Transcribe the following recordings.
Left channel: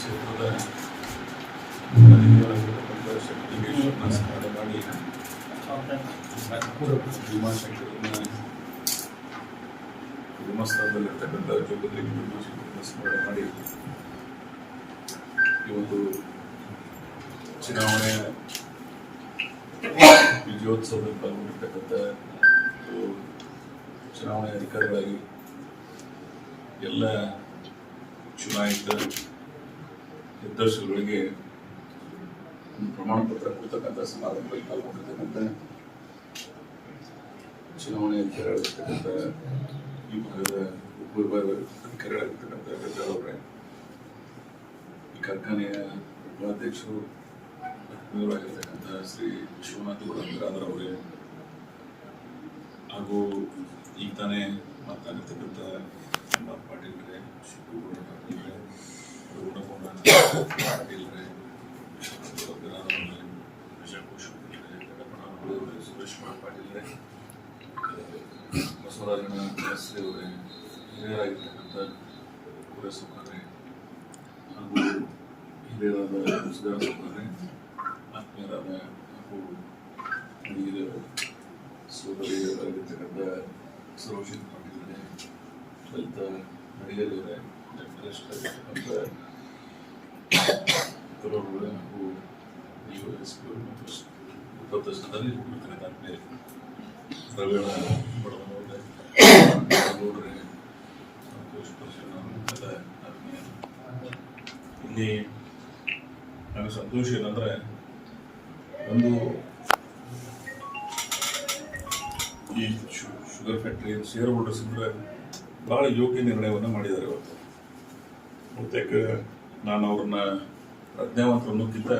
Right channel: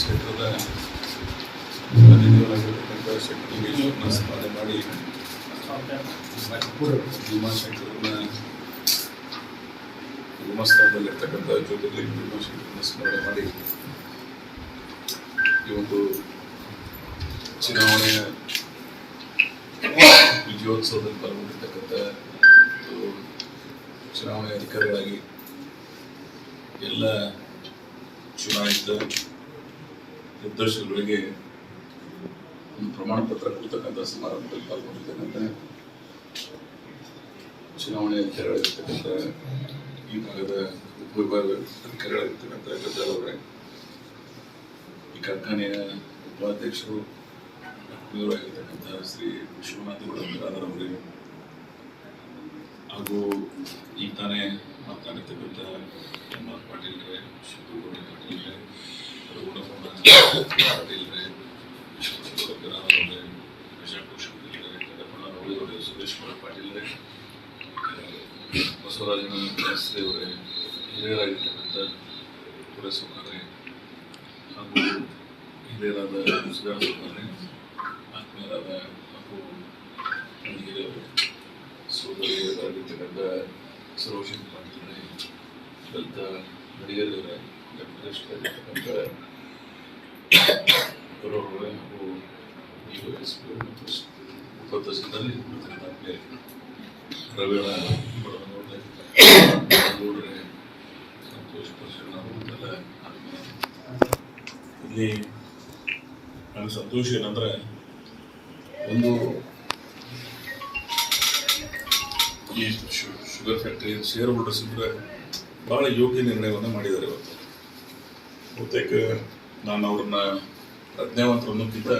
ಕ್ಷೇತ್ರದ ಪ್ರತಿನಿಧಿಯವರಾಗಿರ್ತಕ್ಕಂಥ ಶಕ್ತಿವೇಶ್ವರನ ಸ್ಮರಣೆ ಮಾಡಿ ಭೀಮಾಶಂಕರನ ಧರ್ಮಸ್ಥಳದಲ್ಲಿರ್ತಕ್ಕಂಥ ಜ್ಯೋತಿರ್ಲಿಂಗ ಭೀಮಾಶಂಕರನ ಸ್ಮರಣೆ ಮಾಡಿ ಈ ಒಂದು ಚುನಾವಣೆಯ ವಿಜಯೋತ್ಸವದಲ್ಲಿ ಪಾಲ್ಗೊಂಡಿರ್ತಕ್ಕಂಥ ಚುನಾವಣೆ ಅಧಿಕಾರಿಗಳಾಗಿ ಎಲ್ಲ ಚುನಾಯಿತ ನಿರ್ದೇಶಕರಿಗೆ ಒಂದು ಪ್ರಮಾಣ ಪತ್ರ ಕೊಡ್ತಕ್ಕಂಥ ಸಮಾರಂಭದಲ್ಲಿ ಪಾಲ್ಗೊಂಡಿರ್ತಕ್ಕಂಥ ಚುನಾವಣೆ ಅಧಿಕಾರಿಗಳಿರ್ತಕ್ಕಂಥ ಈ ಭಾಗದ ಉಪವಿಭಾಗ ಅಧಿಕಾರಿಗಳಾಗಿರ್ತಕ್ಕಂಥ ಗದ್ದಾಳ್ ಅವರೇ, ಈ ಕಾರ್ಖಾನೆಯ ಉಪಾಧ್ಯಕ್ಷರು ಆಗಿರ್ತಕ್ಕಂಥ ಶ್ರೀ ವಿಶ್ವನಾಥ್ ಬಿರಾದರ್ ಅವರೇ, ಹಾಗೂ ಈಗ ತಾನೇ ಮಾತನಾಡಿರ್ತಕ್ಕಂಥ ಎಂ.ಆರ್. ಪಾಟೀಲ್ರೆ, ಶಿವಗೌಡ ಪಾಟೀಲ್ರೆ, ರಘುನಮೋಹನ ಪಾಟೀಲ್ರೆ, ವಿಶ್ವನಾಥ್ ಬಿರಾದರ್ ಅವರೇ, ವಿಜಯಪುರ ಶಿವಗೌಡ್ರೆ, ಕಡಪಣ್ಣ ಅವರೇ, ಸುರೇಶ್ ಪಾಟೀಲ್ರೆ, ಬಸವರಾಜನ ಶಾಸ್ತ್ರಿ ಅವರೇ, ಹಿರಿಯರಾಗಿರ್ತಕ್ಕಂಥ ಪುರಸೌಕರ್ಯ ಹಾಗೂ ಹಿರಿಯರಾದ ಸುಧಾರಣ ಸೌಕರ್ಯ, ಆತ್ಮೀಯರಾದ ಹಾಗೂ ನನಗೆ ಸೋದರಿಯರಾಗಿರ್ತಕ್ಕಂಥ ಸರೋಜಿನಿ ಪಾಟೀಲ್ರೆ, ಲಲಿತ ನಡಿಗೇರಿಯವರೇ, ಲೆಫ್ಟಿನೆಂಟ್ ಕರೋರ್ಗಳೇ ಹಾಗೂ ಮತ್ತು ಉಪಸ್ಥಿತರಲ್ಲಿ ಇರ್ತಕ್ಕಂಥ ಆತ್ಮೀಯ ರವೀಣ ಬಡವನವ್ರೆ, ಗೌಡ್ರೆ, ಸಂತೋಷ್ ಪರ್ಶನ್ ಅವರೆಲ್ಲ ಆತ್ಮೀಯ. ಇಲ್ಲಿ ನನಗೆ ಸಂತೋಷ ಏನಂದ್ರೆ, ಒಂದು ಈ ಶುಗರ್ ಫ್ಯಾಕ್ಟರಿ ಶೇರ್ ಹೋಲ್ಡರ್ಸ್ ಇದ್ರೆ ಬಹಳ ಯೋಗ್ಯ ನಿರ್ಣಯವನ್ನು ಮಾಡಿದ್ದಾರೆ. ಇವತ್ತು ಬಹುತೇಕ ನಾನು ಅವ್ರನ್ನ ಪ್ರಜ್ಞಾವಂತರು ಅನ್ನೋಕ್ಕಿಂತ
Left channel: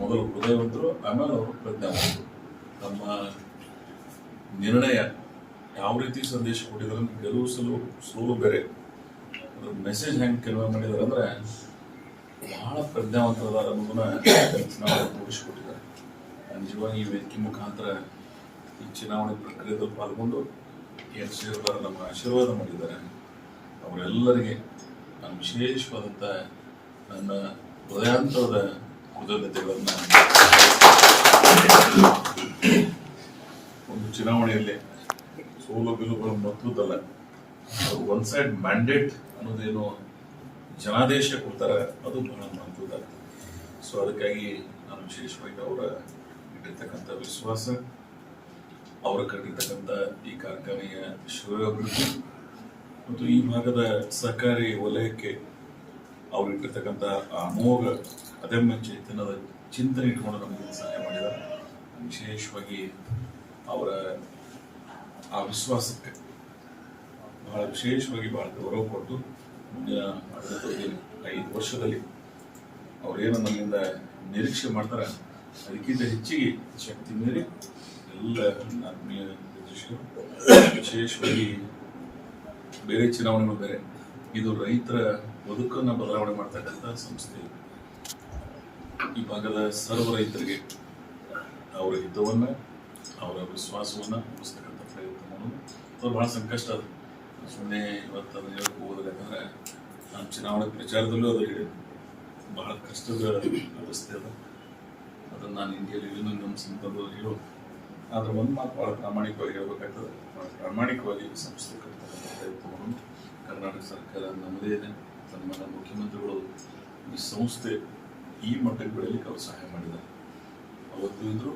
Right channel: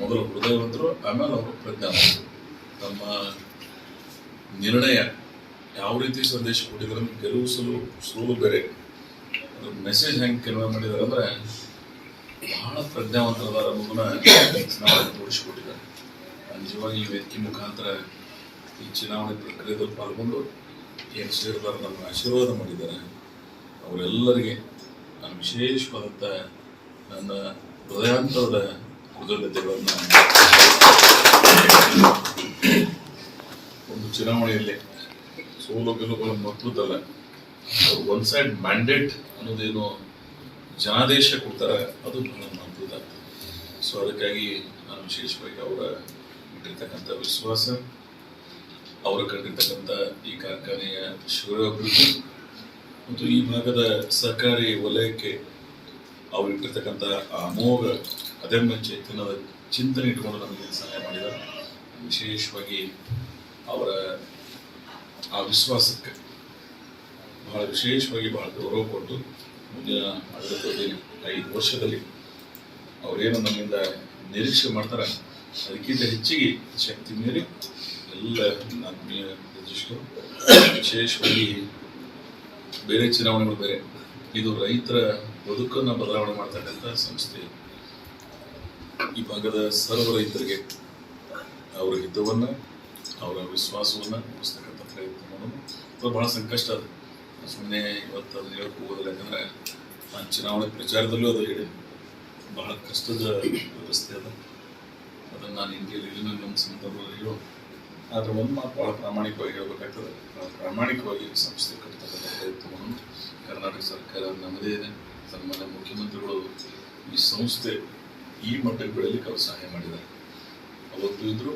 ಮೊದಲು ಹೃದಯವಂತರು, ಆಮೇಲೆ ಅವರು ಪ್ರಜ್ಞಾವಂತರು. ತಮ್ಮ ನಿರ್ಣಯ ಯಾವ ರೀತಿ ಸಂದೇಶ ಕೊಟ್ಟಿದ್ದಾರೆ, ಗೆಲುವು ಸೋಲು ಬೇರೆ, ಅದ್ರ ಮೆಸೇಜ್ ಹೆಂಗೆ ಕೆಲವು ಮಾಡಿದ್ದಾರೆ ಅಂದರೆ ಬಹಳ ಪ್ರಜ್ಞಾವಂತರದಾರ ಅನ್ನೋದನ್ನ ನಾವು ತೋರಿಸಿಕೊಟ್ಟಿದ್ದಾರೆ. ನಿಜವಾಗಿ ಈ ವೇದಿಕೆ ಮುಖಾಂತರ ಈ ಚುನಾವಣೆ ಪ್ರಕ್ರಿಯೆದಲ್ಲಿ ಪಾಲ್ಗೊಂಡು ಏನು ಸೇರಿದಾರ ನಮಗೆ ಆಶೀರ್ವಾದ ಮಾಡಿದ್ದಾರೆ, ಅವರೆಲ್ಲರಿಗೆ ನಾನು ವಿಶೇಷವಾದಂಥ ನನ್ನ ಹೃದಯಾಂತರದ ಕೃತಜ್ಞತೆಗಳನ್ನು. ಒಂದು ಚುನಾವಣೆಯಲ್ಲಿ ಸೋಲು ಗೆಲುವುಗಳು ಮಹತ್ವದಲ್ಲ, ಅವರು ಒನ್ ಸೈಡ್ ಮ್ಯಾಂಡೇಟ್ ಅನ್ನೋದೇನು ಜನಾದೇಶ ಕೊಡ್ತಾರೆ, ಅದು ಬಹಳ ಮಹತ್ವದ. ಸೊ ಅದಕ್ಕಾಗಿ ನಾನು ವಿಶೇಷವಾಗಿ ಅವರ ಇಟ್ಟಿರ್ತಕ್ಕಂಥ ವಿಶ್ವಾಸ, ಅವರ ಕಂಡಿರ್ತಕ್ಕಂಥ ಈ ಕಾರ್ಖಾನೆಯ ಶ್ರೇಯೋಭಿವೃದ್ಧಿ ಮತ್ತು ಈ ಭಾಗದ ಸಹಕಾರಿ ವಲಯಕ್ಕೆ ಅವರು ಇಟ್ಟಿರ್ತಕ್ಕಂಥ ಅಮೋಘ ಅದಮ್ಯ ಚೈತನ್ಯದ ಚಿಂತನೆ ಇಟ್ಕೊಂಡು ನಮಗೆ ಸಹಾಯ ಮಾಡಿದ್ದಾರೆ. ವಿಶೇಷವಾಗಿ ಅವರ ಆ ವಿಶ್ವಾಸಕ್ಕೆ ಬಹಳ ವಿಶೇಷವಾಗಿ ಬಹಳ ಗೌರವ ಕೊಟ್ಟು ಮುಂದಿನ ಆಡಳಿತದಲ್ಲಿ 5 ವರ್ಷದಲ್ಲಿ ಅವರೇನು ನಮ್ಮಿಂದ ನಿರೀಕ್ಷೆ ಮಾಡ್ತಾರೆ ಅದಕ್ಕಿಂತ ಹೆಚ್ಚಿಗೆ ಶಕ್ತಿ ಮೀರಿ ಎಲ್ಲ ಆತ್ಮೀಯ ನಿರ್ದೇಶಕರು, ವಿಶೇಷವಾಗಿ ಬೇರೆ ಚುನಾವಣೆಗಳು ಬೇರೆ, ಇದು ರೈತರ ಬದುಕನ್ನು ಬದಲಾವಣೆ ಮಾಡ್ತಕ್ಕಂಥ ಸಂಸ್ಥೆ. ಈ ಭಾಗದ ಸರ್ವ ರೈತರಿಗೆ ಅವರ ಹಿತವನ್ನು, ಅವರ ವಿಶ್ವಾಸವನ್ನು ಉಳಿಸ್ತಕ್ಕಂಥ ಪ್ರಯತ್ನ ಮಾಡೋದು ಅದು ಬಹಳ ಸಂಕಷ್ಟ. ಅದು ಸುಮ್ಮನೆ ಇವತ್ತು ಅದನ್ನು ಹೇಳಕ್ಕೆ ಹೋಗೋದಿಲ್ಲ, ಯಾಕಂದರೆ ನಾನು ಚುನಾವಣೆ ಪ್ರಚಾರದಲ್ಲೂ ಅದು ಹೇಳಿ ಬಹಳ ಕಷ್ಟದ ವ್ಯವಸ್ಥೆ ಅದ. ಅದನ್ನು ನಾನು ಇಂಡಿಯಲ್ಲಿ ನಮ್ಮ ಸಂದರ್ಭದಲ್ಲಿ ಹೇಳೋದು. ಆದರೆ ಒಂದು ಮಾತು ಭಾಳ ಪ್ರಾಮಾಣಿಕವಾಗಿ ಹೇಳಬೇಕಾಗ್ತದೆ, ಪ್ರಾಮಾಣಿಕವಾಗಿ ಸಂಸ್ಥೆ ಕಟ್ತಕ್ಕಂಥ ಪ್ರಯತ್ನವನ್ನು ಕರ್ನಾಟಕ ಸರ್ಕಾರ ನಮ್ಮದೇ ಇದೆ. ಸನ್ಮಾನ್ಯ ಮುಖ್ಯಮಂತ್ರಿಗಳು ಈ ಸಂಸ್ಥೆ ಈ ಮಟ್ಟಕ್ಕೆ ಬೆಳಲಿಕ್ಕೆ ಅವರು ಸಹಾಯ ಮಾಡಿದ್ದಾರೆ. ಅವತ್ತು ಇದ್ದರು,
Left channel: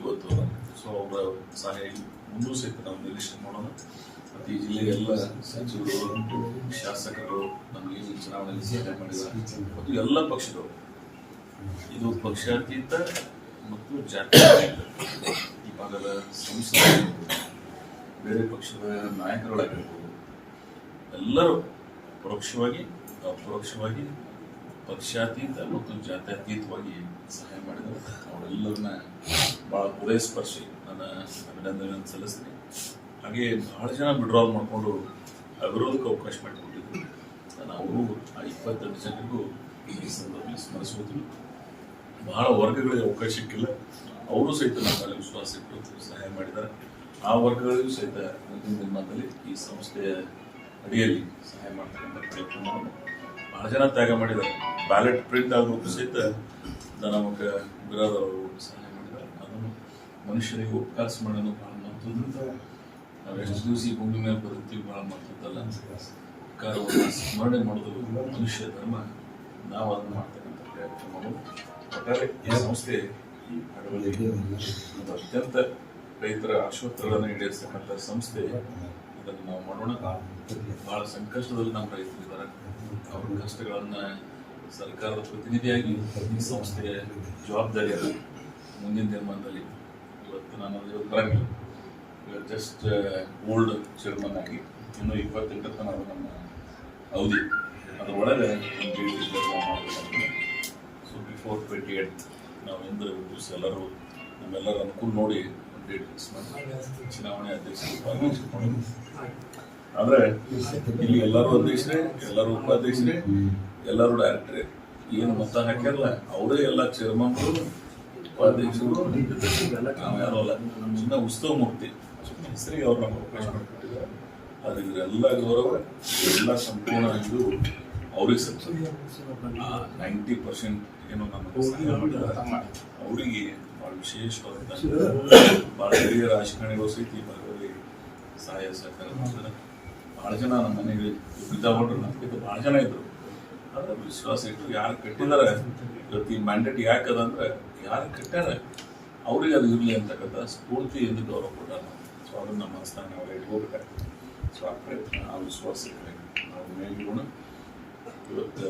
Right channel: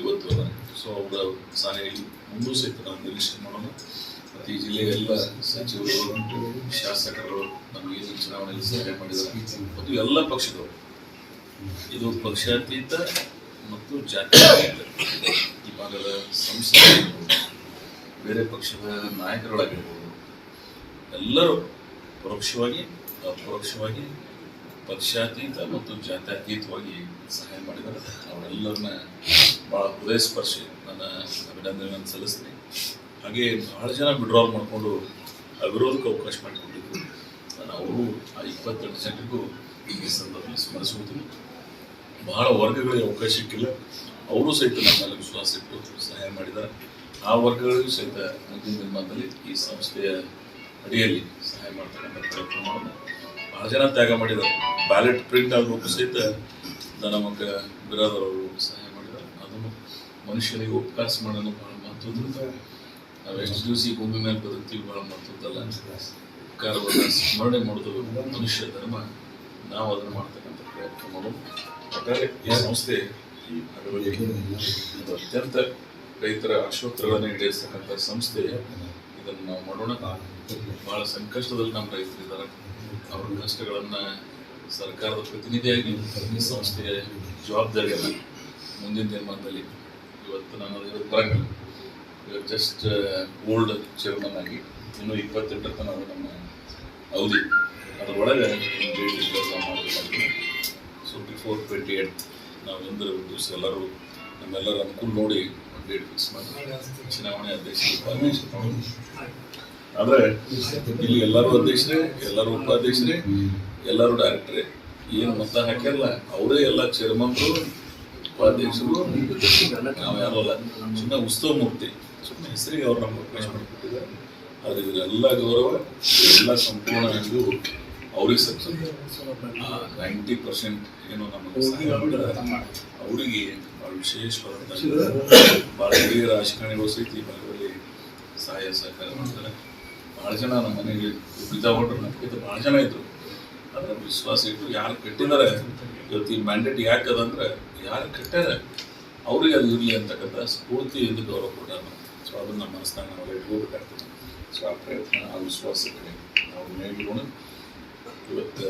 ಇವತ್ತು ಅದ. ಸೊ ಅವರ ಸಹಾಯ ಮುಂದೂ ಸಹಿತ ನಾವು ನಿರೀಕ್ಷೆ ಮಾಡೋಣ. ಮತ್ತು ಈ ಜಿಲ್ಲೆಯ ಎಲ್ಲ ಸಚಿವರು, ಶಾಸಕರು ನಮಗೆ ಈ ಚುನಾವಣೆಯಲ್ಲಿ ಸಹಾಯ ಮಾಡಿದ್ದಾರೆ ಮತ್ತು ಎಲ್ಲ ಪಕ್ಷದವರು. ಇದು ಪಕ್ಷಾತೀತ ಮತ್ತು ಜಾತ್ಯತೀತ ಈ ಭಾಗದ ಸಂಸದರು, ಬೇರೆ ಪಕ್ಷದ ನಾಯಕರುಗಳಾಗಿರ್ಬೋದು, ಎಲ್ಲರೂ ಪರೋಕ್ಷವಾಗಿ ಅಪರೋಕ್ಷವಾಗಿ ಪಕ್ಷಾತೀತ ಮತ್ತು ಜಾತ್ಯತೀತವಾಗಿ ಸಹಾಯ ಮಾಡಿದ್ದಾರೆ. ಅವರೆಲ್ಲರನ್ನ ಭಾಳ ಹೃದಯ ಸ್ಪರ್ಶಿ ನನ್ನ ಅಭಿನಂದನೆಯನ್ನು ಸಲ್ಲಿಸ್ತೀನಿ. ಹಾಗೆ ಬಹಳ ಜನ ವಿಡ್ರಾಲ್ ಮಾಡಿಕೊಂಡು ಅವಿರೋಧಕ್ಕೆ ಅವಕಾಶ ಮಾಡಿಕೊಟ್ಟಿದ್ರು. ನಾನು ಅವರು ಆ 28 ಜನರಿಗೂ ಈ ಸಂದರ್ಭದಲ್ಲಿ ಸ್ಮರಿಸುವುದಿಲ್ಲ. ಬಹಳ ವರ್ಗಗಳಿಗೆ ಅವಕಾಶ ಸಿಕ್ಕಿಲ್ಲ, ಅವರು ಸಹಿತ ನಮ್ಮ ಮೇಲೆ ವಿಶ್ವಾಸ ಇಟ್ಟು ಸಹಾಯ ಮಾಡಿದ್ದಾರೆ. ಆ ವರ್ಗಗಳಿಗೂ ಸಹಿತ ಮುಂದಿನ ದಿನಮಾನದಲ್ಲಿ ಈ ಸಂಸ್ಥೆಯ ಅಡಿಯಲ್ಲಿ ಸಹಾಯ ಮಾಡ್ತಕ್ಕಂಥ ಪ್ರಯತ್ನ ಮಾಡೋದು. ಬಹಳ ಭಾಳ ಜನ ತ್ಯಾಗ ಮಾಡಿದ್ದಾರೆ. ಬ್ಯಾಲೆಟ್ ಪ್ರಿಂಟ್ ಆದರೂ ಸಹಿತ ನಮಗ ಬಿರಾದರ್ ಅವರು ಸಹಾಯ ಮಾಡಿದ್ದಾರೆ. ಅದನ್ನು ಮನುಷ್ಯನಿಗೆ ಉಪಕಾಸ ಮಾಡೋದು ಭಾಳ ಮಹತ್ವದ. ನಾವು ಎಷ್ಟು ದಿವಸ ಈ ಭೂಮಿ ಮೇಲೆ ಬದುಕ್ತೀವಿ ಭಾಳ ಮಹತ್ವದಲ್ಲ. ಉಪಕಾರವನ್ನು ಸ್ಮರಣೆ ಮಾಡೋದು ಮನುಷ್ಯ ಧರ್ಮ. ನಾವು ಅದನ್ನು ಮಾಡ್ತಕ್ಕಂಥ ಪ್ರಯತ್ನ ಮಾಡೋದು. ಒಟ್ಟಾರೆ ಈ ಸಂಸ್ಥೆ ಈ ಭಾಗದಲ್ಲಿ ಒಂದು ಅತ್ಯಂತ ರೈತರ ಆಶೋತ್ತರಗಳನ್ನು ಈಡೇರಿಸ್ತಕ್ಕಂಥ ಸಂಸ್ಥೆ. ಇದನ್ನು ನಾವು ಮಾಡೋಣ. ಭಾಳ ಸಂಕಷ್ಟದಲ್ಲಿ ನಮ್ಮ ರೈತರಿದ್ದಾರೆ. ಅವ್ರ ಕಷ್ಟಗಳನ್ನು ಸರ್ಕಾರದ ಪ್ರತಿನಿಧಿಯಾಗಿ ಈ ಸಂಸ್ಥೆಯ ಜವಾಬ್ದಾರಿಯನ್ನು ಮುಂದಿನ ದಿನಮಾನದಲ್ಲಿ ಇವತ್ತು ನಾನು ಅದರ ಬರಂಗಿಲ್ಲ. ಇವಾಗ ಜಸ್ಟ್ ಓಲ್ಡ್ ಚೇರ್ಮನ್ ಆಗಿ ಇನ್ನೂ 28 ತನಕ ನಮ್ಮ ಅವಧಿ ಅದರೊಳಗೆ ಕೆಲಸ ಮಾಡಬೇಕಾಗಿದೆ. ಸೊ ಬಿಫೋರ್ 28 ನಾವು ಎಂದರೆ ದಿವಸ ಎಲ್ಲರೂ ನಮ್ಮೆಲ್ಲರ ಅನುಕೂಲ ನೋಡಿ ಒಂದು ಡೇಟ್ ಫಿಕ್ಸ್ ಮಾಡಿ ಚುನಾವಣೆ ಅಧ್ಯಕ್ಷರು ಉಪಾಧ್ಯಕ್ಷರು ಮಾಡೋದು. ಆದರೆ ಇಲ್ಲಿ ಎಲ್ಲರೂ ಅಧ್ಯಕ್ಷರೇ, ಎಲ್ಲರೂ ಉಪಾಧ್ಯಕ್ಷರೇ, ಎಲ್ಲರೂ ಡೈರೆಕ್ಟರೇ. ಏನು ಮತ ಹಾಕ್ಯಾರಲ್ಲ ಅವರೇ ಎಲ್ಲ ಚೇರ್ಮನ್ರು, ಉಪಾಧ್ಯಕ್ಷರು. ನಾವು ಯಾರೋ ಅಲ್ಲ, ಸುಮ್ಮನೆ ಉತ್ಸವ ಮೂರ್ತಿ, ಸುಮ್ಮನೆ ಹೆಸರಿಗೆ ಅವ್ರು ನಮ್ಗೆ ಅವಕಾಶ ಮಾಡಿಕೊಟ್ಟಿದ್ದಾರೆ. ಆದರೆ ಇವರೆಲ್ಲ ಗೌರವ, ಎಲ್ಲ ಸಂಪೂರ್ಣ ಇದು ಅವ್ರಿಗೆ ಸಕ್ಸಸ್. 90% ಏನು ನಮಗೆ ಸಹಾಯ ಮಾಡಿದ್ದಾರೆ ಅವರಿಗೆ ಭಾಳ ವಿಶೇಷವಾದಂಥ ಭಾಳ ಹಿರಿಯ ರಾಜಕಾರಣಿಗಳು ಸಹಿತ ಈ ಭಾಗದಲ್ಲಿ ಸಹಾಯ ಸಹಕಾರ ಮಾಡ್ತಾರೆ. ಭಾಳ ಜನ ನಮ್ಮ ಮನೆಗೆ ಬಿದ್ದಾಕೊಂಡ್ರು ನಮ್ಗಿಂತ ಭಾಳ ಜನ ಇದ್ರು. ಆದರೆ ವಿಶ್ವಾಸ ಇಟ್ಟು ಯಾರು ಕಟ್ಟಿದ್ದಾರೆ ಇವತ್ತು ಈ ಮ್ಯಾಂಡೇಟ್ ಯಾಕದಂದ್ರೆ ಯಾರು ಕಟ್ಟಾರ ಅವ್ರಿಗೆ ಅದು ಇರಲಿ ಅಂತಕ್ಕಂಥ ಸ್ಫೂರ್ತಿಯಿಂದ ಗೌರವ ಕೊಟ್ಟಾರ. ಸೊ ಅದನ್ನು ನಮ್ಮ ಮನಸ್ಸಿನಾಗ ನಾವೆಲ್ಲ ಇಟ್ಕೋಬೇಕಾಗ್ತದೆ. ಸೊ ಆ ಪ್ರಯತ್ನ, ಆ ವಿಶ್ವಾಸ ಕಡೆ ನಾವು ಮೇಲಿರೋಣ. ಇವತ್ತು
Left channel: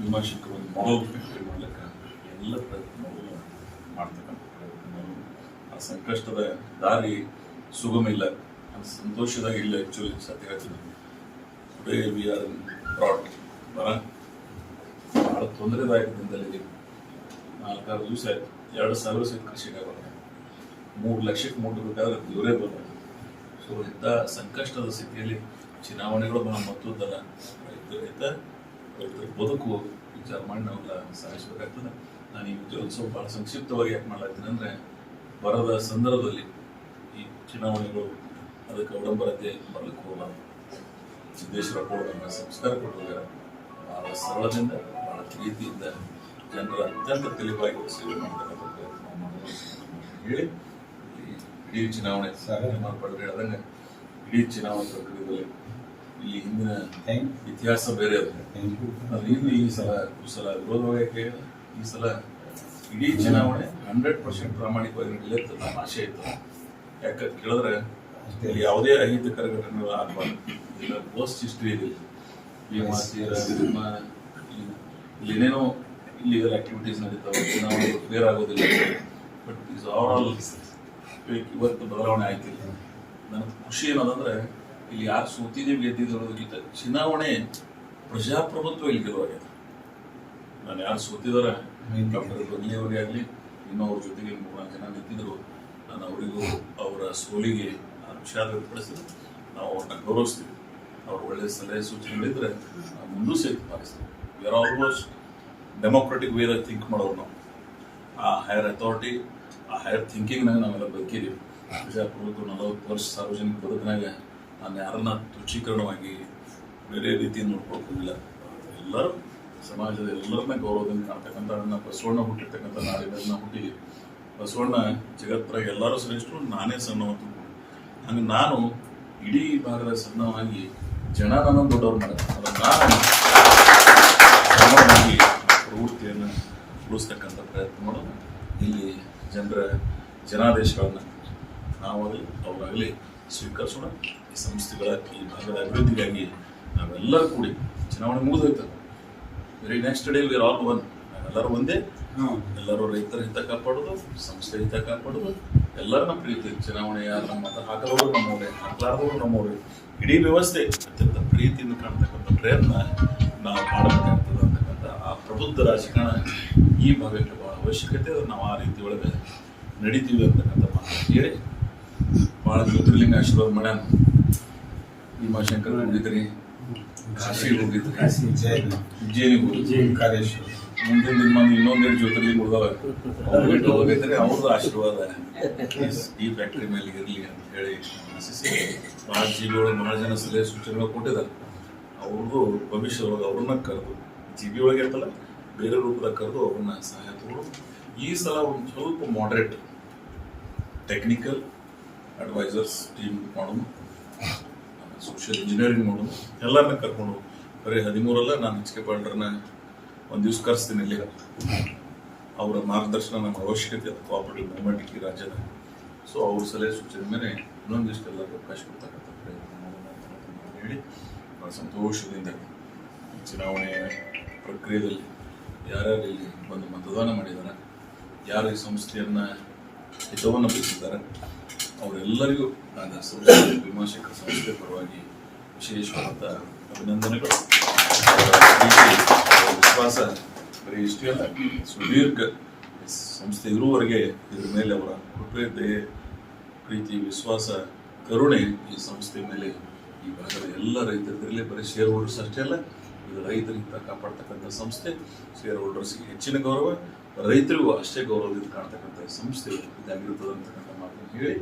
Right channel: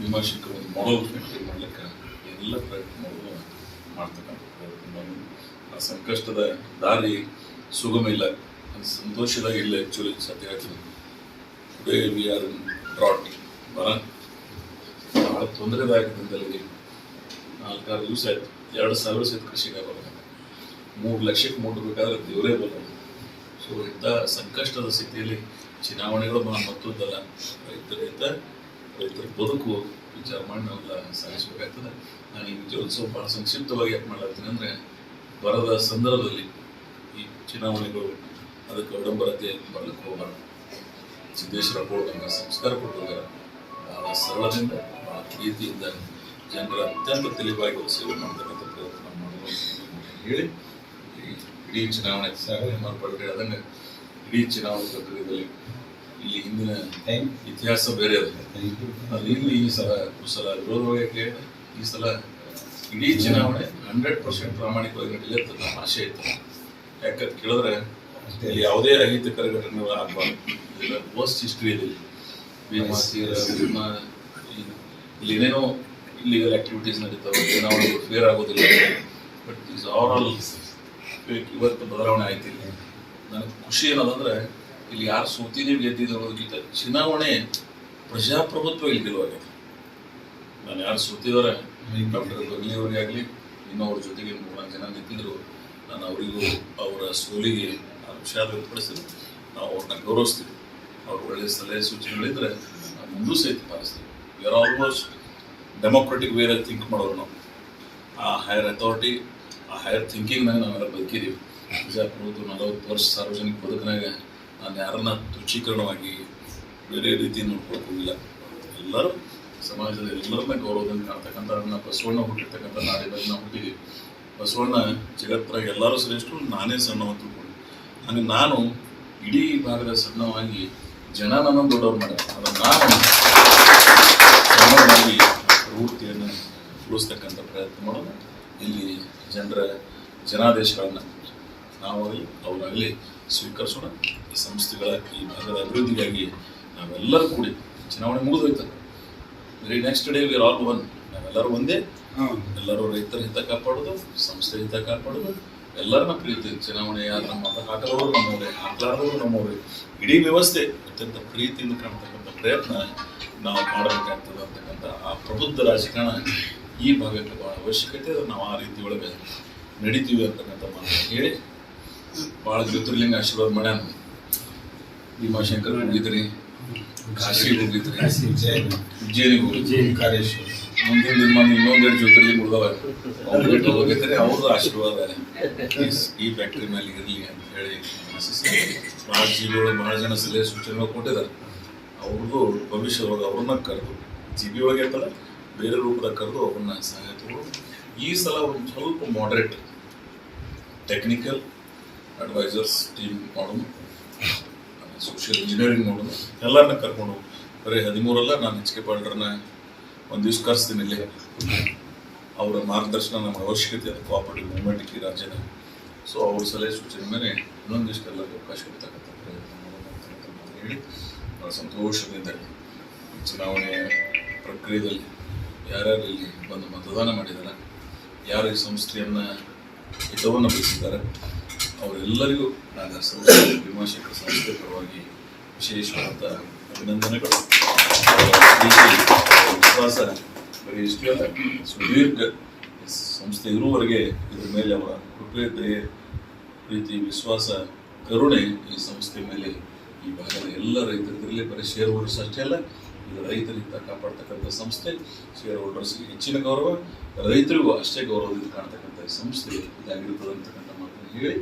ವಿಮರ್ಶಕರು ಒಂದು ಮಾಡಲ್ ಫ್ಯಾಕ್ಟ್ರಿ ಮಾಡ್ಲಿಕ್ಕೆ ಎಲ್ಲ ಪ್ರಯತ್ನ ಮಾಡ್ತಕ್ಕಂಥ ಪ್ರಯತ್ನ. ಆ ಸಂಕಷ್ಟದ ದಾರಿ ಸುಗಮ ಇಲ್ಲ, ಅದು ಸಂತೋಷದಾಗ ಇಲ್ಲ. ಆ್ಯಕ್ಚುಲಿ ಸತ್ಯ ಹೇಳ್ತೀನಿ, today we are in drought. ಭಾಳ ತೊಂದರೆದಾಯಕದಿಂದಲೇ 4-6 ದಿವಸ ಆಯಿತು. 2,000 ಸಹಿತ ಕೃಷಿಗೆ ಬರೋದು, 3 ಲಕ್ಷಕ್ಕೆ ಮುಟ್ಟಬೇಕಾದ್ರೆ ದೇವರೇ ಬರೋದು. ಸೊ ಇಂಥ ಸಂಕಷ್ಟದ ಸ್ಥಿತಿಯಲ್ಲಿ ಚುನಾವಣೆಗಳು ಭಾಳ ಮಹತ್ವದ್ದಲ್ಲ. ರೈತರ ಬದುಕು ವಿಚಾರ ಮಾಡಿ ನಾವೆಲ್ಲ ಸಾಗಿಸ್ಬೇಕಾಗ್ತದೆ. ನಾನು ಈ ವಿಜಯೋತ್ಸವ ಭಾಳ ಸಂಕ್ಷಿಪ್ತವಾಗಿ ಯಾಕೆ ಮಾಡ್ಲಾಗ್ತೀನಿ ಅಂದರೆ, ಬರದ ಸಂದರ್ಭದಲ್ಲಿ ಈ ಚುನಾವಣೆಗಳು ಅದಕ್ಕೆ ಅವಡಂಬರತೆ ಬರ್ಲಿಕ್ಕೆ ಹೋಗಬಾರ್ದು. ಸಿದ್ದೇಶ್ವರ ಕೊಡ್ದಂಗೆ ಸಂಸ್ಕಾರ ಕೊಟ್ಟಿದ್ದಾರೆ. ಭಾಳ ಸರಳದಿಂದ, ಭಾಳ ಪ್ರೀತಿಯಿಂದ ಜನರ ಅತ್ಯಂತ ತಿಳಿವಾಗಿ ಸೇವೆ ಮಾಡ್ತಕ್ಕಂಥ ಪ್ರಯತ್ನ ಮಾಡೋದು ಹೇಳಿ, ಇಡೀ ಚುನಾವಣೆ ಮಾರ್ಪಾಡು ಹೇಳ್ದಂಗೆ ಇಡೀ ಚುನಾವಣೆ ಪ್ರಕ್ರಿಯೆಯಲ್ಲಿ ಇಲ್ಲಿ ಹಿಂದಿನ ಇತಿಹಾಸ ಬೇರೆ ಅದು. ಇಲ್ಲಿ ಈ ಸಲ ವಿರೋಧವಾಗಿ ಈ ಸಲ ಇಡೀ ಚುನಾವಣೆ 100% ಪ್ರಾಮಾಣಿಕವಾಗಿ ನಡೀಲಿ ಅಂತ ನಮ್ಮ ಆಶೆ ಇತ್ತು. ಯಾಕಂತ ಕೇಳಿದ್ರೆ ಇಲ್ಲಿ ಯಾವುದೇ ಅಹಿತಕರ ಘಟನೆಗಳು ಆಗಬಾರ್ದು. ಇಲ್ಲ ವರ್ಸ್ಟ್ ಹಿಸ್ಟ್ರಿ ಇದೆ ಭೀಮಾ ತೀರ, ಇಲ್ಲಿ ಏನೇನೋ ಇಲ್ಲಿಗಲ್ ಆಕ್ಟಿವಿಟೀಸ್ ನಡೀತಾವೆ, ಚುನಾವಣೆಗಳು ಫೇರ್ ಆಗೋದಿಲ್ಲ. ಬಟ್ ಈಸ್ ಓವರ್ ಆಲ್ ಇವತ್ತು ಬದಲಾವಣೆ ಆಯ್ತಿಲ್ಲ. ನನಗೆ ಖುಷಿ ಏನದಂದ್ರೆ ಇಲ್ಲಿ ಯಾರು ಸೋತಿದ್ದೀವಿ ಗೆದ್ದಿದ್ದು ಅನ್ನೋದಕ್ಕಿಂತ ಚುನಾವಣೆ ಪ್ರಜಾಪ್ರಭುತ್ವ ಇಲ್ಲಿ ಗೆಲುವಾಗಿದೆ. ನಾನು ಯಾರು ಸೋತಿದ್ದಾರೆ ಡಾಕ್ಟರ್ ಗಂಗ್ಲಿ ಅವರಿಗೆ ಆಗಲಿ ಇನ್ನೊವ್ರ ಜೊತೆಗೆ 3-4 ಜನ ನಿಂತಿದ್ರು. ನಾನು ಅವರಿಗೂ ಅವರ ಸೋಲಿಗೆ ವಿಷಾದ ವ್ಯಕ್ತಪಡಿಸ್ತೀನಿ. ನಾವು ಅವ್ರನ್ನ ಗೌರವಿಸ್ತೀವಿ. ಅವ್ರು ಒಳ್ಳೆಯ ಸಲಹೆ ಸೂಚನೆಗಳಿದ್ರೆ ನಾವು ಮುಂದೂ ಸಹಿತ ಪಾಲಿಸ್ತೀವಿ. ವಿ ಆರ್ ಆಲ್ಮೋಸ್ಟ್ ಡೆಮೋಕ್ರೆಟಿಕ್ ವೇದಾಗ ಥಿಂಕ್ ಮಾಡೋರು ನಾವು. ಆ ಹೈಯರ್ ಅಥಾರಿಟಿ, ಆ ಹೈಯರ್ ಥಿಂಕಿಂಗ್ನಾಗ ನಾವೆಲ್ಲ ಬದುಕಿದ್ದೀವಿ. ಪ್ರಜಾಪ್ರಭುತ್ವ 40 ವರ್ಷ ಸಾರ್ವಜನಿಕ ಬದುಕಿನಾಗ ನಾನು ಯಾರನ್ನ ತುಚ್ಛೀಕರಣವಾಗಿ ಬೇರೆ ರೀತಿ ನೋಡ್ಕೊಳ್ಕೋಗಿಲ್ಲ. ಎಲ್ಲರೂ ಸಮಾಜದ ಎಲ್ಲರನ್ನ ಗೌರವದಿಂದ ಕಾಣ್ತಕ್ಕಂಥ ಬಸವಣ್ಣ ಹುಟ್ಟಿರ್ತಕ್ಕಂಥ ನಾಡಿನಲ್ಲಿ ನಾವು ಹುಟ್ಟಿದ್ದೀವಿ. ಬಸವಣ್ಣ ಜಗತ್ತರ ಎಲ್ಲರೂ ಶ್ರೇಷ್ಠರು, ನಾನೇ ಸಣ್ಣವ ತಿಳ್ಕೊಂಡು. ಹಂಗೆ ನಾನು ಇಡೀ ಭಾಗದ ಸಣ್ಣವಾಗಿ ಜನ ನನ್ನನ್ನು ದೊಡ್ಡವ್ರು ಮಾಡ್ತಾರೆ. ಅದನ್ನು ನಾನು ಸಣ್ಣವಾಗಿ ಪ್ರವೃತ್ತಿಯನ್ನು ಉಳಿಸ್ತಕ್ಕಂಥ ಪ್ರಯತ್ನ ಮಾಡೋದು. ಇಲ್ಲಿ ಜನರ ಜನಾದೇಶಗಳನ್ನು ನಾವಾಗಲಿ ಅವರಾಗಲಿ ಸ್ವೀಕರಿಸೋಣ. ಈ ಸಂಸ್ಥೆಗಳ ಈ ಭಾಗದ ಅಭಿವೃದ್ಧಿಗಾಗಿ ನಾವೆಲ್ಲರೂ ಕೂಡಿ, ಚುನಾವಣೆ ಮುಗಿದೋಯ್ತದೆ, very next day we are all one. ನಾವೆಲ್ಲರೂ ಒಂದೇ. ಎಲ್ಲರೂ ರೈತರ ಹಿತ ಕಾಪಾಡೋದು, ಸಂಸ್ಥೆ ಹಿತ ಕಾಪಾಡೋದು, ಎಲ್ಲರನ್ನ ಪ್ರೀತಿ. ಚುನಾವಣೆ ಯಾರು ನಮ್ಮ ಮತ ಹಾಕಲವರು ನಮ್ಮವರೇ, ಹಾಕಲಾರದವರು ನಮ್ಮವರೇ. ಇಡೀ ವ್ಯವಸ್ಥೆ ಅತ್ಯಂತ ಪ್ರೀತಿಯಿಂದ ಕಾಣ್ತಕ್ಕಂಥ ಪ್ರಯತ್ನ ನಾವು ಮಾಡಬೇಕಾಗ್ತದೆ ಅಂತಕ್ಕಂಥ ಆ ಪ್ರಬುದ್ಧ ರಾಜಕಾರಣ ಈ ಭಾಗಕ್ಕೆ ಭಾಳ ಅವಶ್ಯಕತೆ. ನಾವು ಆ ರೀತಿ ಒಳಗೆ ನಡೀತೀವಿ ಅಂತಕ್ಕಂಥ ಮಾತು ಹೇಳಿ, ಭಾಳ ಜ್ಯೋತಿರ್ಲಿಂಗ ಆಶೀರ್ವಾದ ಮಾಡ್ಯಾನ. ಭೀಮಾಶಂಕರ್ ಹೋಗಿದ್ರಿ, ಕಾಶಿಗೆ ಹೋಗಿದ್ರಿ, ಉಜ್ಜಯಿನಿಗೆ ಹೋಗಿದ್ರಿ, ಮುಂದಿನ ದಿನ ಇನ್ನೊಂದೆರಡು ಜ್ಯೋತಿರ್ಲಿಂಗ ಉಳಿದವ ಅವ್ರಿಗೆ ಹೋಗೈತ್ರಿ. ಅವ್ರದ್ದು ಆಶೀರ್ವಾದ ಈ ಫ್ಯಾಕ್ಟ್ರಿ ಮೇಲೆ ಇರಲಿ ಅಂತ ಹೇಳಿ ಆಶಿಸಿ. ಭಾಳ ಜಿಲ್ಲೆಯೊಳಗೆ ಭಾಳ ಜನ ಸಲಹೆ ಸೂಚನೆಗಳು ಕೊಟ್ಟಿದ್ದಾರೆ. ಅವ್ರದ್ದು ಭವಿಷ್ಯದೊಳಗೆ ಅವ್ರನ್ನ ಕರೆದು ಜಿ ಬಿ ಒಳಗೆ ಇರ್ತಲ್ಲ ಬೇರೆ ರೂಪದಾಗ ಕರೆದು ಅವ್ರನ್ನ ಸಹಾಯ ತಗೊಂಡು ಈ ಸಲ ಒಂದು ಸ್ವಲ್ಪ ಮಾಡ್ರೇಟ್ ಟೆಕ್ನಿಕಲ್ ಅಡ್ವೈಸರ್ಸ್ ಟೀಮ್ ಮಾಡೋಣ, ಸೋಷಿಯಲ್ ಇಂಜಿನಿಯರಿಂಗ್ ಮಾಡೋಣ, ಎಲ್ಲರನ್ನ ಕರ್ಕೊಂಡು ಬರೀ 13 ನಾನು ಎಚ್ ಕೆ ಪಾಲ್ರನ್ನ ಒಂದು ದಿವ್ಸ ಕರೆಸ್ತೀನಿ ಇಲ್ಲಿ. ಅವರ ಮಾರ್ಗದರ್ಶನ ನಮ್ಗೆ ಅವಶ್ಯಕತೆ ಅದು ಕೋಆಪರೇಟಿವ್ ಮೂವ್ಮೆಂಟ್ ಈ ರಾಜ್ಯದ. ಸೊ ಅವ್ರ ಸಲಹೆ ಸೂಚನೆ ಮೇಲೆ ಇನ್ನೊಂದಿಷ್ಟೆಲ್ಲ ಅವಕಾಶ ಕೊಡ್ತಕ್ಕಂಥ ಪ್ರಯತ್ನ ಮಾಡೋಣ ಅಂತ ಹೇಳಿ ಭಾಳ ಸಂತೋಷದಿಂದ ಚುನಾವಣೆಯ ಪ್ರಕ್ರಿಯೆಯಲ್ಲಿ ಯಾರ್ಯಾರು ಇಲ್ಲಿ ಬಂದು ಮತದಾನ ಮಾಡಿದ್ದಾರೆ, ಯಾರು ಈ ಸಂಸ್ಥೆಯನ್ನು ಹಿತವನ್ನು ಬಯಸಿದ್ದಾರೆ ಅವರೆಲ್ಲರಿಗೂ ನಾನು ಸಂಸ್ಥೆ ಭೀಮಾಶಂಕರ ಸಂಸ್ಥೆ ಪರವಾಗಿ ವಿಶೇಷವಾದಂಥ ಅಭಿನಂದನೆಗಳು. ಅವರ ಪ್ರೀತಿ ವಿಶ್ವಾಸ ಬರೀ ಇಷ್ಟೇ ಅಲ್ಲ, ಸುದೀರ್ಘ ಸಂಸ್ಥೆ ಇರುವವರೆಗೆ ಇದ್ರ ಮೇಲೆ ಅವರ ಕೃಪೆ, ದಯೆ, ಪ್ರೀತಿ, ವಿಶ್ವಾಸ, ಕರುಣೆ ಈ ಸಂಸ್ಥೆ ಮೇಲೆ ಈ ಭಾಗದ ಎಲ್ಲ ರೈತರಿದ್ರಲ್ಲಿ ಬರೀ ಶೇರ್ ಹೋಲ್ಡರ್ಸ್ ಅಷ್ಟೇ ಅಲ್ಲ, ಇದು ರೈತರಿಂದ ಕಾಪಾಡ್ತಕ್ಕಂಥ ಸಂಸ್ಥೆ. ಶೇರ್ ಹೋಲ್ಡರ್ಸ್ಗೆ ಹೆಚ್ಚಿನ ಗೌರವ, ರೈತರಿಗೂ ಅಷ್ಟೇ ಗೌರವದಿಂದ ಕಾಣ್ತಕ್ಕಂಥ ಈ ಸಂಸ್ಥೆ ಇದಾಗಿರ್ತದೆ ಅಂತಕ್ಕಂಥ ಮಾತನ್ನು ಹೇಳಿ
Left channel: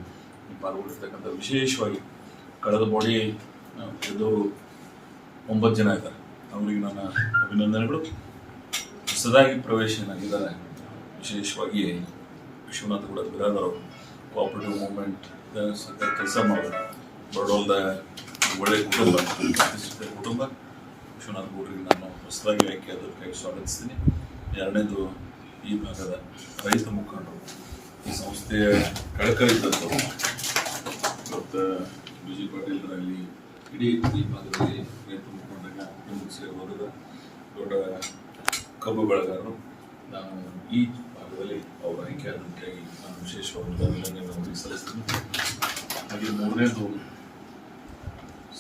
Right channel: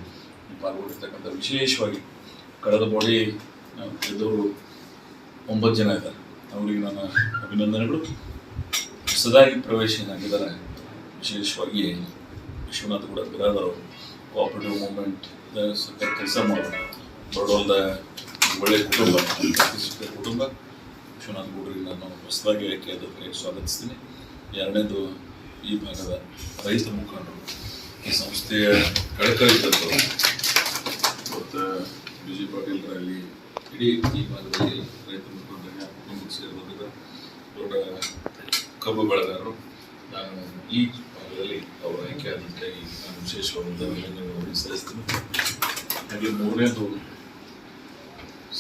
ಈ ಪಾಲ್ಗೊಂಡಿರ್ತಕ್ಕಂಥ ವಿಶೇಷವಾಗಿ ಕಳೆದ ಬಾಡಿ ಗೆದ್ದವರು 9 ಜನ ಇದ್ದಾರೆ. ಅವರಿಗೆ ನನ್ನ ಅಭಿನಂದನೆಗಳು. ಹೊಸದಾಗಿ ಪ್ರವೇಶನಾಗಿದ್ದಾರೆ ವಿಶೇಷವಾಗಿ ವಿಶ್ವನಾಥ್ ಕೂಡ ಬಿರಾದರ್ ಅವರು ಕೋಆಪರೇಟಿವ್ ಮೂವ್ಮೆಂಟ್ ಕೆಲಸ ಮಾಡೋದು ಬಡೋಲ್ದ ಒಳ್ಳೆಯ ಕುಟುಂಬ ವಿಶ್ವನಾಥ್ ಗೌಡ್ರಿಗೆ ನಾನು ಹೊಸದಾಗಿ ಆಯ್ಕೆ ಅದಕ್ಕಾಗಿ ಸ್ವಾಗತಿಸ್ತೀನಿ. ಎರಡನೇದು ಈ ಭಾಗದ ರೈತ ಮುಖಂಡರು, ಈ ಸಂಸ್ಥೆಯ ಕಳಕಳಿದ್ದವರು ಮತ್ತು ಬಿ ಜಿ ಪಾಟೀಲರಾಗಲಿ ಇಡೀ ಈ ಭಾಗದಲ್ಲಿ ರೈತ ಮುಖಂಡರಿಗೆ ಕುಟುಂಬಕ್ಕೆ ಸೇರಿದವರಿದ್ದಾರೆ, ದೊಡ್ಡ ಕಬ್ಬು ಬೆಳೆಗಾರರು. ನಾನು ಈ ಭಾಗದಲ್ಲಿ ಅವರ ಆಯ್ಕೆ ಆದಕ್ಕಾಗಿ ನಾನು ವಿಶೇಷವಾದಂಥ ಅಭಿನಂದನೆಗಳನ್ನು ಸಲ್ಲಿಸ್ತೀನಿ. ಹಾಗೆ ಮೂರನೇದು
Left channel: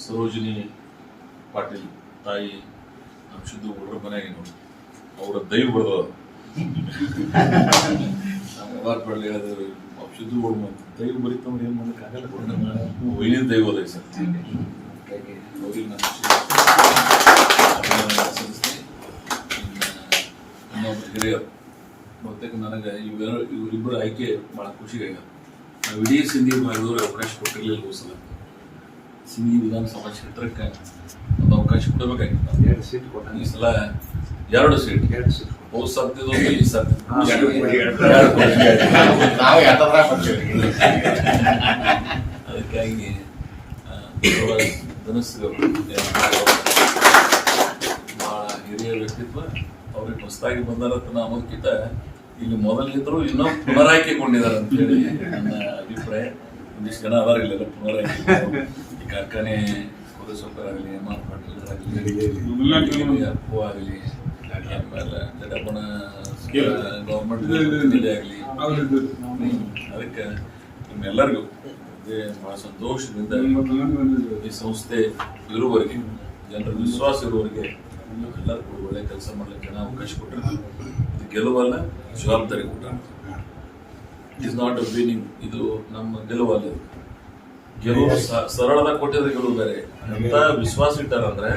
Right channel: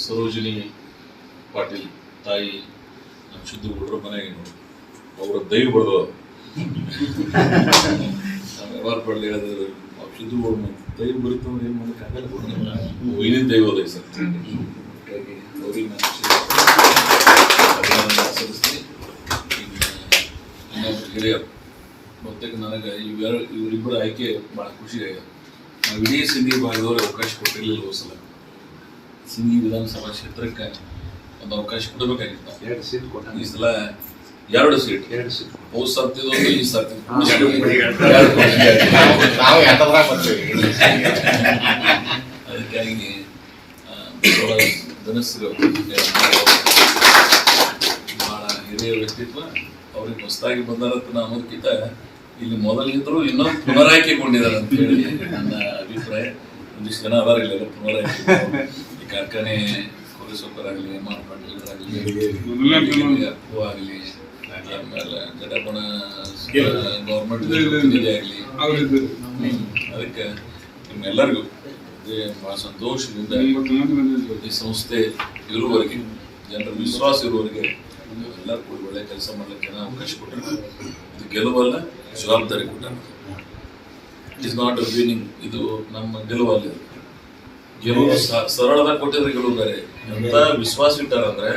ಸರೋಜಿನಿ ಪಾಟೀಲ್ ತಾಯಿ ನಮ್ಮ ಶುದ್ಧ ಹುಡುಗರ ಮನೆಯಾಗಿ ನೋಡಿ ಅವರ ದೈವ ಬರೆದವ ನಾನು ವ್ಯವಹಾರ ಪಡಲಿ ಹೇಳಿದ್ರೆ ಶುದ್ಧ ಹುಡುಗ ದೈವ ಬರೀತಂದ್ರೆ ಏನು ಮಾಡೋಕ್ಕಾಗಲ್ಲ, ವೈನಿನ ದೈವ ಅದ ಸರ್. ಹಾಗಾಗಿ ಅವ್ರಿಗೆ ನಾನು ಅಭಿನಂದನೆ ಸಲ್ಲಿಸ್ತೀನಿ. ಇನ್ನೊಬ್ಬರು ಹಿರಿಯರು ಬಹುತೇಕ ನನಗೆ ಇವರಿಬ್ಬರು ಆಯ್ಕೆ ಭಾಳ ಖುಷಿ ಆಗಿದೆ. ನಾವು ಇಡೀ ಸಿಂಧಿ ಭಾಗದವ್ರಿಗೆ ಅವಕಾಶ ಕೊಟ್ಟಿರಲಿಲ್ಲ ಹೋಸಲ. ಸಿಂಧಿ ವಿಧಾನಸಭಾ ಕ್ಷೇತ್ರಕ್ಕೆ ಒಂದು ಅವಕಾಶ ಕೊಡಬೇಕಾಗಿತ್ತು. 2 ಸೀಟ್ ಕೊಟ್ಟ ಈ ಸಲ 2 ಸೀಟ್ ಹೋದ್ ಸರ್ತಿದೊಂದು ಈ ಸರ್ತಿ ಅದಕ್ಕಾಗಿ ಧನಸ್ಸು ಬಹಳ ಹಿರಿಯ ವ್ಯಕ್ತಿತ್ವ. ಅವ್ರಿಗೆ ಹೊಸದಾಗಿ ಬಂದಾರಂತ ಅನ್ನೋದಕ್ಕಿಂತ ಇಲ್ಲಿ ಮೊದಲಿದ್ರು ಇನ್ನೂ ಪುನರಾಯ್ಕೆಗೊಂಡಿದ್ದಾರೆ ಅಂತ ಹೇಳಿ ನನ್ನ ಅಭಿಪ್ರಾಯ. ಒಂದಿಷ್ಟು ಜನ ಅದಾರ ಇಲ್ಲ ಪುನರಾಯ್ಕೆ. ಈ ಕಾರ್ಖಾನೆ ಕೋರೇಶ್ವರರಾಗಲಿ, ಎಂ ಆರ್ ಪಾಟೀಲರಾಗಲಿ, ಅಪ್ಪು ಆಗಲಿ, ಆಮೇಲೆ ಜಡಪ್ಪನ ಗೌರ್ಮೆಂಟ್ ನಿಧಿ ಆಗಲಿ, ಅದಕ್ಕೆ ನಿಮ್ಮೆಲ್ಲರಿಗೂ ಬಹಳ ಸಂತೋಷದಿಂದ ಈ ಸಂಸ್ಥೆ ಇರುವವರೆಗೆ, ಜನರ ವಿಶ್ವಾಸ ಇರುವವರೆಗೆ ಎಲ್ಲರೂ ಕೂಡ ಒಳ್ಳೆ ಕೆಲಸ ಮಾಡ್ಲಿಕ್ಕೆ ಜನ ಅವಕಾಶ ಕೊಟ್ಟಿರ್ತಾರೆ. ಇದು ಗೆಲುವಲ್ಲ, ಜವಾಬ್ದಾರಿ ಕೊಟ್ಟ. It is not a winning, ಇದು ನಮ್ಮ ಗೆಲುವಲ್ಲ. ಇದು ಗೆಲುವು ಸರಳದಾಗ ಕೊಟ್ಟಿದ್ರೆ ಗೆಲುವು ಬೇರೆ. ಎಂತ ವಿಶ್ವಾಸ ಇಟ್ಟಾರಂದ್ರೆ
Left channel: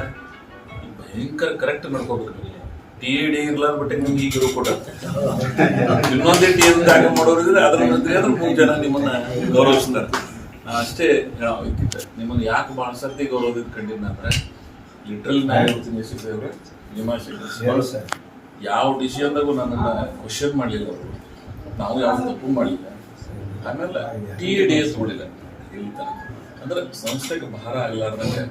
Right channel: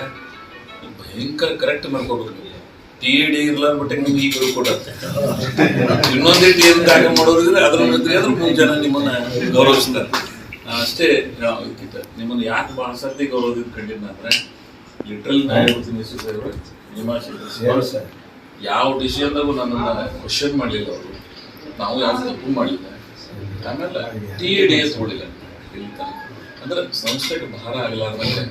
ಭಯಂಕರ ಕರೆಕ್ಟ್ ಮಾಡ್ಕೋಬೇಕು. ನೀವು TAD ಇರ್ಲಾರ ಟೆಕ್ನಿಕ್ ಈ ಗೆಲುವು ಕೊಟ್ಟ. ಇನ್ನೊಂದೇ TAD ತ್ಯಾಗ ಮಾಡೋರಿದ್ರೆ ಅದ್ರ ಮುಂದೆ ಜನ ನಿಮ್ಮನ್ನ ಗೌರವಿಸ್ತಾರೆ. ಅಷ್ಟೇ ನಿಮ್ಮನ್ನ ಯಾಕೆ ಭಾಳ ಸರ್ತಿ ಗೌರವದಿಂದ ಕಂಡಿದ್ನ ಅಂದ್ರೆ ಲಿಟ್ರಲ್ ಯಾವ ಡಿಸಿಷನ್ದಾಗೂ ನನ್ನನ್ನು ಕ್ವಶನ್ ಮಾಡಲಿಲ್ಲ ಅವರು. ನಾವು ಯಾರು ತಪ್ಪು ಮಾಡಲಿಲ್ಲ. ಆಮೇಲೆ TAD ತಗೊಳ್ಳಿಲ್ಲ ಇಲ್ಲ ಅಂದ್ರೆ ಸಂಸ್ಥೆಗೆ ಭಾರ ಆಗಲಾರ್ದಂಗೆ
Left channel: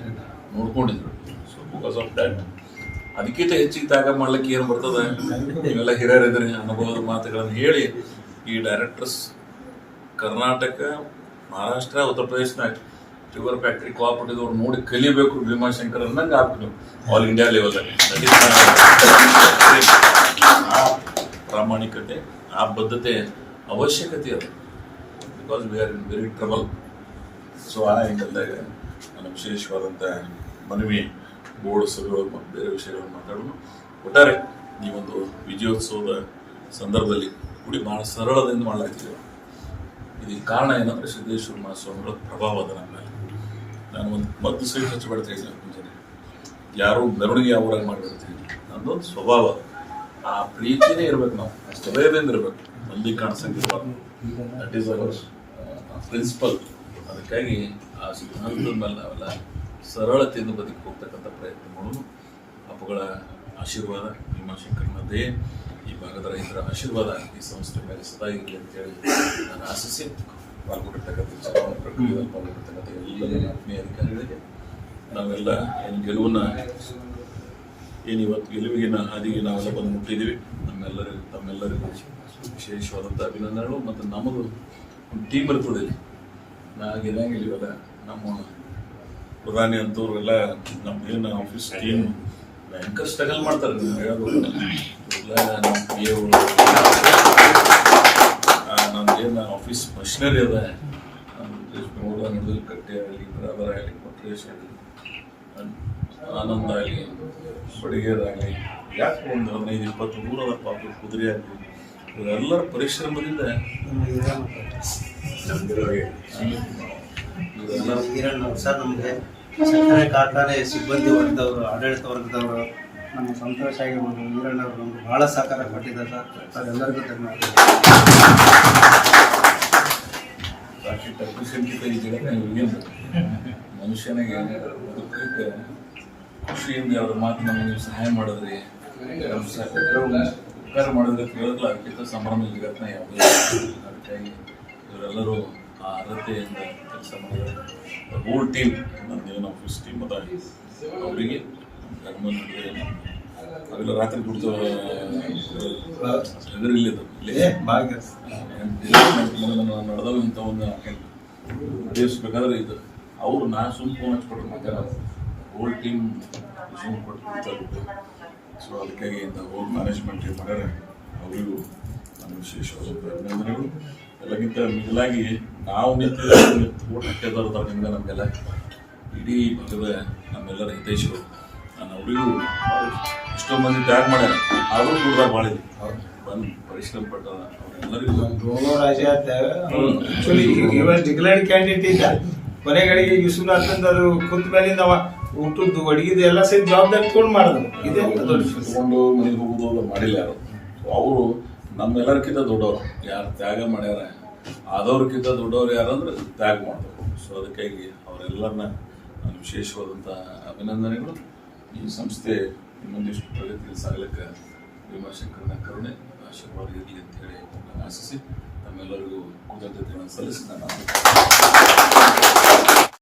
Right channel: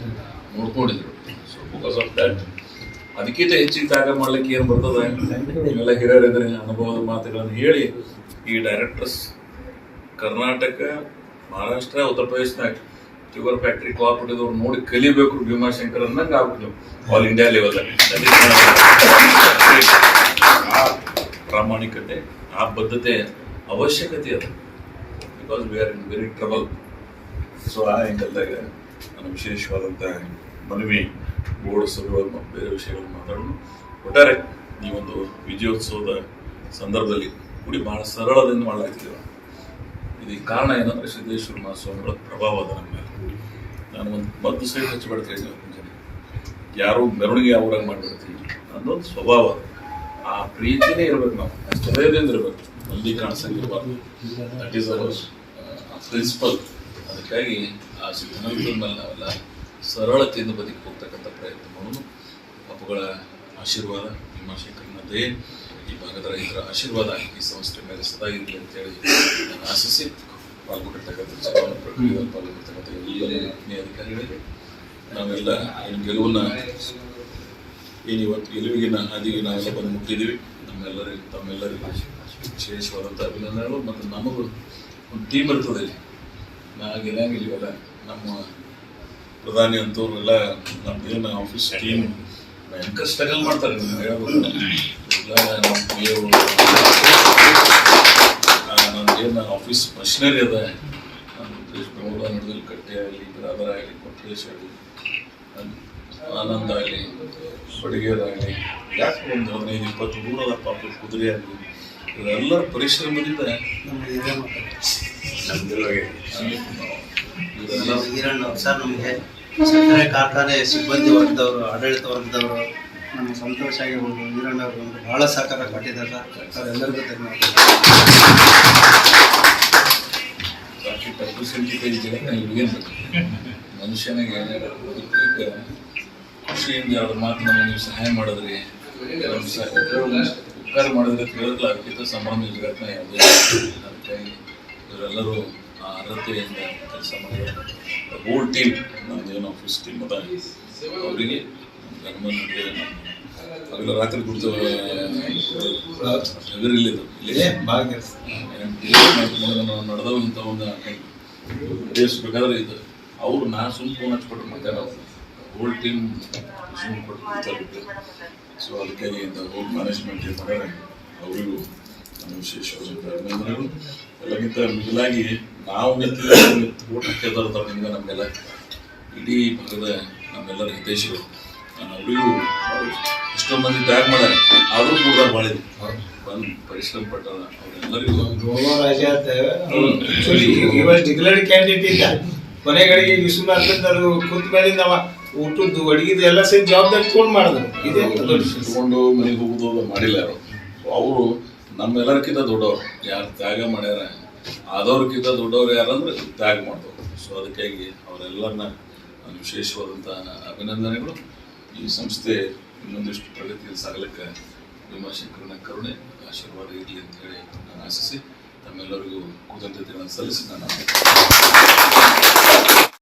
ನೋಡ್ಕೊಂಡಿದ್ರು. ಸೊ ಬಿಕಾಸ್ ಆಫ್ ದ್ಯಾಟ್ ಅದಕ್ಕಿಂತ ಹೆಚ್ಚಿಗೆ ತ್ಯಾಗ ಮಾಡ್ಲಿಕ್ಕೆ ಏನು ಬರ್ತದೆ, ನೀವೆಲ್ಲ ಹಿರಿಯರಿದ್ರೆ ಅನುಭವದ ಮಾತುಗಳನ್ನು ಹೇಳಿ ಈ ಡೈರೆಕ್ಟರ್ಸ್ ಕರ್ನಾಟಕ, ಮಹಾರಾಷ್ಟ್ರ, ಉತ್ತರ ಪ್ರದೇಶನಾಗ ಶುಗರ್ ಫ್ಯಾಕ್ಟ್ರಿ ಕೋಆಪರೇಟಿವ್ ಅವ್ರು ನೋಡಿ ಕಲಿಬೇಕು ಭೀಮಾಶಂಕರ್ ಅನ್ನಂಗೆ ಆಗ್ಬೇಕು ಆಲ್ ಇಂಡಿಯಾ ಲೆವೆಲ್ದಾಗ. ಆ ಪ್ರಾಮಾಣಿಕತೆ, ಆ ಬದ್ಧತೆ ಅವಶ್ಯಕತೆ ಅದು. Because we are in very trouble. So ಆ ಆ್ಯಂಗಲ್ದಾಗ ನನ್ನ ವಿಶೇಷವಾದಂಥ ಮನವಿ, ಬೋರ್ಡ್ ಸಭೆಗಳು ಮತ್ತು ಬೇರೆ ವಿಷಯಗಳನ್ನು ಮಾತಾಡೋಣ. ಒಟ್ಟಾರೆ ಈ ಒಂದು ವಿಜಯೋತ್ಸವದ ಸಂದರ್ಭದಲ್ಲಿ ಕೂಡಿ ಭಾಳ ಸರಳದಿಂದ ಮಾಡಲಾಗ್ತಿದ್ದೇವೆ. ಇದಕ್ಕೆ ಕಾರಣ ಏನಂದರೆ ಸಿದ್ದೇಶ್ವರ ಮಹಾಸ್ವಾಮಿಗಳ ಪ್ರಭಾವ ಅದ ನಮ್ಮ ಮೇಲೆ. ನಾನು ಒಂದು ಮದ್ದು ಸೈಡ್ ಹಚ್ಚಿಬಿಡ್ತಾ ಇದ್ದೆ ಮುಂಜಾನೆ, ಯಾರು ಮೆರವಣಿಗೆ ಯಾವಾಗ ಮಾಡಿಬಿಡ್ತೀವಿ ಅನ್ನೋದು ಸ್ವಭಾವ. ಆ ಪ್ರೀತಿನೇ ಇರ್ಬೇಕು, ನಾವು ಹೃದಯದಿಂದ ಇರಬೇಕು, ಮಂದಿ ಕಾಣಿಸಂಗಿರ್ಬಾರ್ದು. That is our principle. ಅದಕ್ಕಾಗಿ ಆ ಸಿದ್ಧಾಂತದ ಮೇಲೆ ನಾವೆಲ್ಲ ಸರಳತೆಯಿಂದ ಬದುಕಿ ಹೋಗ್ತಕ್ಕಂಥ ಪ್ರಯತ್ನ ಮಾಡೋದು. ಅಪ್ಪುಗಳ ಆಶೀರ್ವಾದ, ಭೀಮಾಶಂಕರನ ದಯೆ, ಈ ಭಾಗದ ರೈತರ ಆಶೀರ್ವಾದ ಈ ಸಂಸ್ಥೆ ಮೇಲೆ ಸದಾ ಇರಲಿ ಅಂತೇಳಿ ನಾನು ಆಶಿಸಿ ಪಾಲ್ಗೊಂಡಿರ್ತಕ್ಕಂಥ ಚುನಾವಣಾ ಪ್ರಕ್ರಿಯೆಯಲ್ಲಿ ಪಾಲ್ಗೊಂಡಿರ್ತಕ್ಕಂಥ ಎಲ್ಲ ಆತ್ಮೀಯ ಅಧಿಕಾರಿಗಳಿಗೆ ನಾವೆಲ್ಲ ಏನು ಗೆಲುವನ್ನ ಏನು ಇವತ್ತು ಗೆಲುವಿಗಿನ ಹಾದಿಗೆ ನಾವೆಲ್ಲ ಬಂದು ಮುಟ್ಟಿದ್ದೀವಿ. ತಮ್ಮೆಲ್ಲರಿಗೂ ವಿಶೇಷವಾದಂಥ ಅಭಿನಂದನೆಗಳು. ಮತ್ತು ನಮಗೂ ಒಂದು ಟೀಮ್ ಇರ್ತದೆ ಇಲ್ಲಿ. ನಾಗಿಲ್ಲ ನಮ್ಮ ಪ್ರಧಾನಿ ಅಂತವ್ರು ಎಲ್ಲ ನಮ್ದೇನು ಆಫೀಸ್ ಟೀಮ್ ಭಯಂಕರ ಸ್ಟ್ರಗಲ್ ಮಾಡ್ತಾರೆ. ನೀವು ಹೇಳ್ಬೇಕು ಎಲ್ಲ ನಮ್ಮ ಪಿ ಎ ನಮ್ದೇನು ಆಫೀಸ್ ಮಷಿನರಿ ಅದ, ಬೆಂಗಳೂರು ನಡುವಲ್ಲಿ ಕಟ್ಟೆ ಆಗಲಿ, ಬ್ರಾದರ್ ಆಗಲಿ, ಕೊಟ್ರೇಶ್ ಆಗಲಿ, ಆನಂದ ಆಗಲಿ, ಬಡಿಗೇರಾಗಲಿ, ಯಾಕೆ ಒಂದು 15-20 ದೂರದ ಪಾಪ ಕುದುರೆ ಆಗಲಿ, ಇವರೆಲ್ಲರ ಪರಿಶ್ರಮದಿಂದ ಸರ್ ನಮಗೆ ಸಕ್ಕರೆ ಕಾರ್ಖಾನೆ ಸಿಬ್ಬಂದಿ ವರ್ಗದವರು, ಆಡಳಿತ ವರ್ಗದವರು, ನಮ್ಮ ಸಂತೋಷ ಆಗಿರ್ಬೋದು, ವೀರಣ್ಣವರು ನಮ್ಗೆ ಭಾಳ ಸಹಕಾರ ಕೊಟ್ಟಿದ್ದಾರೆ ಸರ್. ಎಲ್ಲರಿಗೂ ಧನ್ಯವಾದ. ಬಾಕಿ ಟಪ್ಪು ಸಂಖ್ಯೆ ಏನು ಮನುಷ್ಯನಿಗೆ ಬದುಕಲಿಕ್ಕೆ ಖುಷಿಯಿಂದ ಅವ್ರ ಮಾತು ನಮಗೆ ನೀವು ಸಹಾಯ ಮಾಡಿದ್ರಿ, ಉಪಕಾರ ಮಾಡಿದ್ರೆ ಕೇಳಿದ್ಲ ಅದಕ್ಕಿಂತ ಸಂಭ್ರಮ ಜಗತ್ತಿನ ಯಾವುದೇ. ಅದಕ್ಕಾಗಿ ಇವರೆಲ್ಲರೂ ಆ ಅರ್ಹತೆಯಿಂದ ಕೆಲಸ ಮಾಡಿದ್ದಾರೆ. ಹೋಲ್ ಟೀಮ್, ನಮ್ದೇನು ಆಫೀಸ್ ಟೀಮ್ ಅದ ಅವರಿಗೆ ಗಮನ ಅವೆಲ್ಲ ರಾತ್ರಿ ಕುಡಿದು ಹೆದರಿಲ್ಲಿದ್ದು ನಡೆದವು ಇಂಥ ಒಂದು ಉದ್ದೇಶಬೇಕಾದ್ರೆ ಇದು ಅವ್ರು ನಾ ಸುಮ್ ಫೋನ್ ಹಚ್ಕೊಟ್ರು ಮತ್ತೆ ನಾವು ಹೋಲ್ ಟೀಮ್ ಸುಮ್ ಕೊಟ್ಟು. ಸೊ ಅದಕ್ಕಾಗಿ ಇಂಥ ಹೋಲ್ ಮ್ಯಾನೇಜ್ಮೆಂಟ್ ಏನು ಮಾಡ್ಯಾರ ಅವರಿಗೂ ನಾನು ವಿಶೇಷವಾದಂಥ ಅಭಿನಂದನೆಗಳು. ಎಲ್ಲಕ್ಕಿಂತ ಮಿಗಿಲಾಗಿ ನಾವು ಓಟ್ ಹಾಕಿದವ್ರು ನಿಮ್ಗೆ ನಮಗೆಲ್ಲ ಇಡೀ ಭಾಗದ ನಮ್ಮೆಲ್ಲರ ಹಿತೈಷಿಗಳು. ನಾನು ಅವರಿಗೂ ಎಷ್ಟೊಂದು ಮಂದಿ ತ್ಯಾಗ ಮಾಡ್ಯಾರ, ಆದರೂ ಕೂಡ ಭಾಳ ಬಂದು ಪರಿಶ್ರಮ ಪಟ್ಟಾರ. ಅವರೆಲ್ಲರಿಗೂ ಡಿಕ್ಲೇರ್ಡ್ ಕ್ಯಾಂಡಿಡೇಟ್ ಇದ್ದ ಕೊನೆಗಳಿಗೆ ವಿಶ್ವನಾಥ್ ಅವರು ಕುಂತ ಮೇಲಿಂದ ಅವ ಊಟದ್ದು ಅಡಿಗೆದು ಎಲ್ಲ ಸೇರಿ ಜವಾಬ್ದಾರಿ ತಗೊಂಡು ಮಾಡಿದ್ರು. ಇದೇ ತಗೊಂಡು ಮನೆಗೆ ಹೋಗೋದು ಮಾಡಿಲ್ಲ ಯಾರು. ಅವರು ನಮ್ಮೆಲ್ಲರಿಗಿಂತ ದೊಡ್ಡವರು ಯಾರು ತ್ಯಾಗ ಮಾಡ್ಯಾರ, ಆದವ್ರಿಗಿಂತ ದೊಡ್ಡವ್ರು ಯಾರಂದ್ರೆ ತ್ಯಾಗ ಮಾಡಿದವರು. ಸೊ ಅದಕ್ಕಾಗಿ ಅವರೆಲ್ಲರನ್ನ ನಾನು ವಿಶೇಷವಾದಂಥ ಅಭಿನಂದನೆಗಳು. ಈ ಸಂಸ್ಥೆ ಇನ್ನೊಂದಿಷ್ಟು ಪ್ರಗತಿಯಲ್ಲಿ ಸಾಗಲಿಕ್ಕೆ ಭೀಮಾಶಂಕರನ ಕರುಣೆ ಆಶೀರ್ವಾದ ಇರಲಿ ಅಂತ ಹೇಳಿ ನಾನು ಆಶಿಸಿ ತಮ್ಮೆಲ್ಲರಿಗೂ ಕೃತಜ್ಞತೆಗಳನ್ನು ಸಲ್ಲಿಸಿ ನಾನು